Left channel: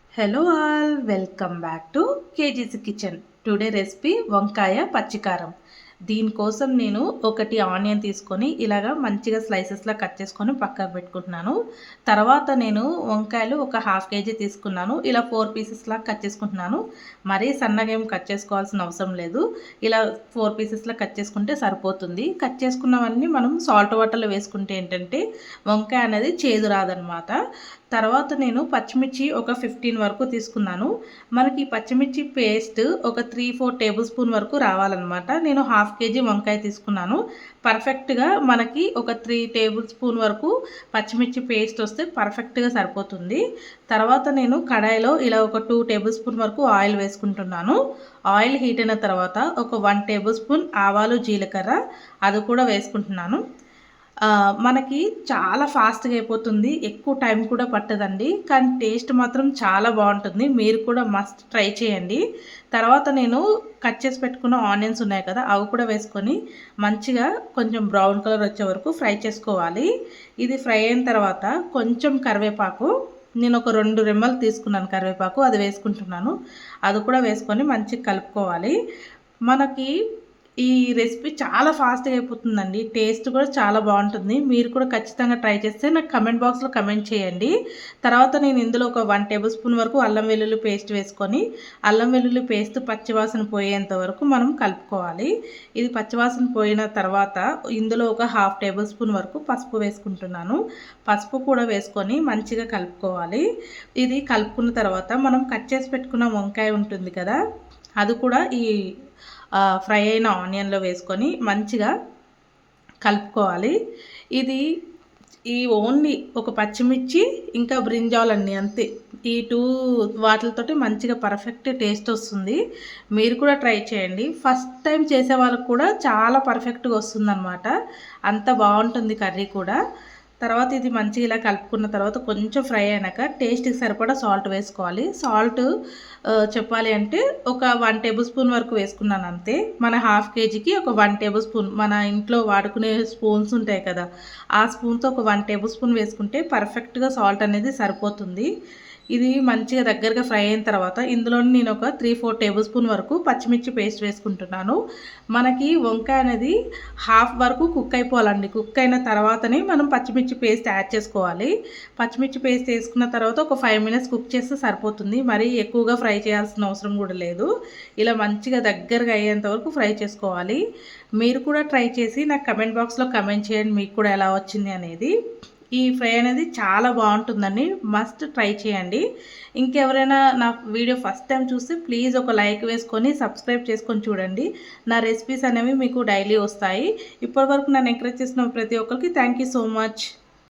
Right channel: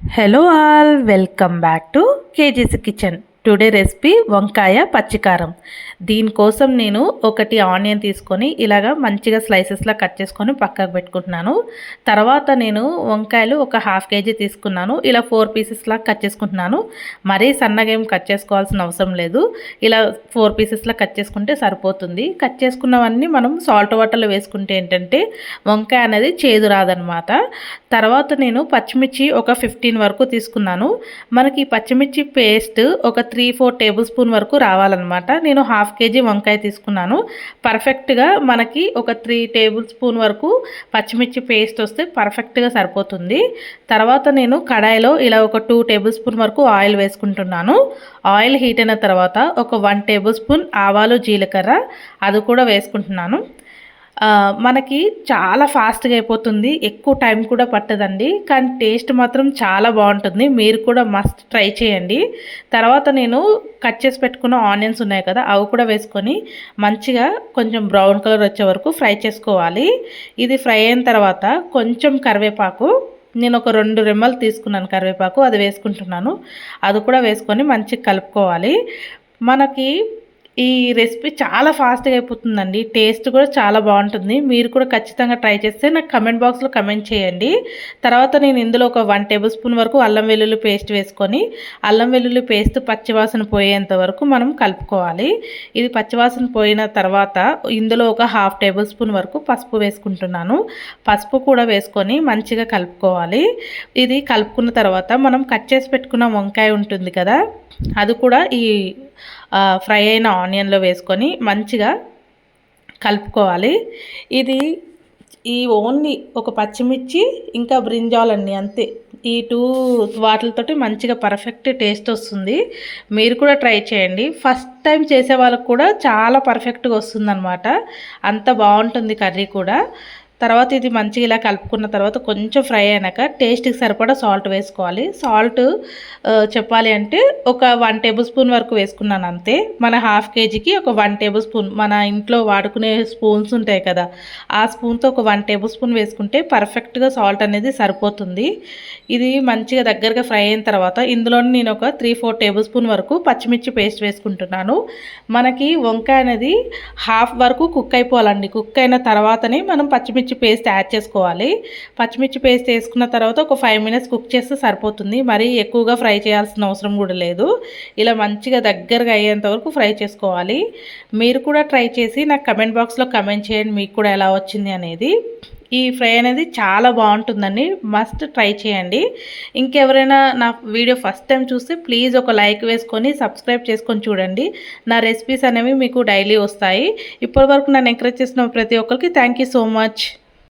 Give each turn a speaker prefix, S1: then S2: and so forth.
S1: hello all welcome back to KG's kitchen today recipe వంకాయ పచ్చికారం. దీనికోసం నేను ఒకటి ఆనియన్ తీసుకొని ఇలాగ మంచిగా స్లైసెస్లా కట్ చేసుకొని పక్కకు పెట్టుకుంటున్నాను. తర్వాత నేను వంకాయలు ఒక హాఫ్ కేజీ తీసుకున్నాను. ఇలా ఫోర్ పీసెస్లా కట్ చేసుకుంటున్నాను. మరీ సన్నగా ఏం కట్ చేసుకోవాల్సిన అవసరం లేదు. ఇలా ఫోర్ పీసెస్లా కట్ చేసుకుంటే సరిపోతుంది. కట్ చేసుకున్నవన్నీ మనం సాల్ట్ వాటర్లో వేసుకుంటే ఏంటంటే వంకాయ అనేది చేదు రాదనమాట. తర్వాత నేను పచ్చిమిర్చి ఒక ఫిఫ్టీన్ వరకు తీసుకున్నాను. మనకి పచ్చిమిర్చి పేస్ట్ ఒక త్రీ ఫోర్ టేబుల్ స్పూన్ వరకు రావాలన్నమాట. నేను హాఫ్ కేజీ వంకాయ తీసుకున్నాను. పర్ఫెక్ట్గా మనకి ఒక త్రీ టేబుల్ స్పూన్ వరకు పచ్చిమిర్చి పేస్ట్ వస్తే పర్ఫెక్ట్గా సరిపోతుంది. తర్వాత నేను కడాయిలో ఇలా ఒక టూ టేబుల్ స్పూన్ వరకు ఆయిల్ వేసుకుంటున్నాను. ఆయిల్ హీట్ అయిన తర్వాత ఒక వన్ టేబుల్ స్పూన్ ఆవాలు జీలకర్ర అది కూడా వేసుకుంటున్నాను. మనకి చాలా ఫాస్ట్గా అయిపోతుంది. ఎక్కువ టైం కూడా పట్టదండి. కానీ టేస్ట్ మాత్రం చాలా బాగుంటుంది. మీరు కూడా మస్ట్ ట్రై చేయండి. తర్వాత నేను కట్ చేసి పెట్టుకున్న ఆనియన్స్ ఉన్నాయి కదా అవి కూడా వేసుకొని మంచిగా కొంచెం బ్రౌన్ కలర్ వచ్చే వరకు ఫ్రై చేసుకోవాలి. ఇది ఫ్రై అయిన తర్వాత కొంచెం కరివేపాకు నేను ఒక రెండు రెమ్మలు తీసుకున్నాను కరివేపాకు అది వేసుకుంటున్నాను. అది కూడా వేసుకొని మంచిగా కలుపుకోవాలి. మనకి ఈ రెసిపీ చాలా ఫాస్ట్గా అయిపోతుందండి. టేస్ట్ కూడా చాలా బాగుంటుంది. మీరు కూడా ఖచ్చితంగా ట్రై చేస్తే నాకు కమెంట్ బాక్స్లో కమెంట్ చేయండి. తర్వాత నేను ఇందులో ఒక వన్ టేబుల్ స్పూన్ వరకు అల్లం వెల్లుల్లి పేస్ట్ వేసుకొని అల్లం వెల్లుల్లి పేస్ట్ పచ్చివాసన పోయేంత వరకు మనం కలుపుకోవాలి. ఇది పచ్చివాసన పోయిన తర్వాత ఇందులో ఒక హాఫ్ టేబుల్ స్పూన్ వరకు పసుపు వేసుకుంటున్నాను. పసుపు కూడా వేసుకొని మంచిగా కలుపుకోవాలి. ఇది కలుపుకున్న తర్వాత మనం కట్ చేసి పెట్టుకున్న వంకాయ ఉంటుంది కదా అది కూడా ఈ ఫ్రై అయిన ఆనియన్లో వేసుకొని మంచిగా కలుపుకోవాలి. ఇది ఈ ఓన్లీ ఒక పచ్చిమిర్చి ఇంకా బ్రింజాలండి అంతే. ఈ టూ వాటితోటి మంచిగా పర్ఫెక్ట్ టేస్ట్ వస్తుంది. మీరు కూడా ట్రై చేయండి. ఫస్ట్ టైం చేసే వాళ్ళకు కూడా చాలా పర్ఫెక్ట్గా వస్తుందన్నమాట. అంత బాగుంటుంది కర్రీ కూడా. తర్వాత ఇది మంచిగా ఇలా కలుపుకున్న తర్వాత కొంచెం ఫ్రై అయినాక టేస్ట్కి సరిపడా సాల్ట్ వేసుకోవాలి. సాల్ట్ చెప్పాలి అంటే ఒక వన్ టేబుల్ స్పూన్ వరకు వేసుకున్నాను అంతే. మన హాఫ్ కేజీకి ఒక వన్ టేబుల్ స్పూన్ మన ఇంట్లో వాడుకునే స్పూన్స్ ఉంటాయి కదా ఆ స్పూన్తో ఒక వన్ టేబుల్ స్పూన్ వేసుకుంటే పర్ఫెక్ట్గా సాల్ట్ అనేది సరిపోతుంది. ఇది మంచిగా దగ్గరగా ఫ్రై అయిన తర్వాత ఇందులో నేను ఒక త్రీ ఫోర్ టేబుల్ స్పూన్ వరకు పచ్చిమిర్చి పేస్ట్ వేసుకుంటున్నాను. మనకి వంకాయ అనేది హాఫ్ వరకు కుక్ అయిపోవాలండి. కుక్ అయిన తర్వాతనే మనం పచ్చిమిర్చి పేస్ట్ యాడ్ చేసుకోవాలి. పచ్చిమిర్చి పేస్ట్ వేసుకున్న తర్వాత ఒక ఫైవ్ మినిట్స్ కుక్ చేస్తే సరిపోతుంది. మరీ ఎక్కువగా ఫ్రై చేయాల్సిన అవసరం కూడా లేదు. ఇలా మంచిగా దగ్గరగా అయ్యేంత వరకు ఫ్రై చేసుకోవాలి. మీరు కూడా ట్రై చేసి నాకు కమెంట్ బాక్స్లో కమెంట్ చేయండి. మీకు కూడా ఎలా వచ్చింది అనేది. ఈ ఫ్రై అనేది చాలా బాగుంటుందండి. మస్ట్ ట్రై చేయండి. ఇంకెవరైనా నా వీడియో ఫస్ట్ టైం చూస్తే ప్లీజ్ ఒక లైక్ వేసుకొని సబ్స్క్రైబ్ చేసుకొని చూడండి. నా రెసిపీస్ అనేవి మీకు డైలీ వస్తాయి. ఇప్పటివరకు నన్ను ఎంకరేజ్ చేసిన ప్రతి ఒక్కరికి థ్యాంక్ సో మచ్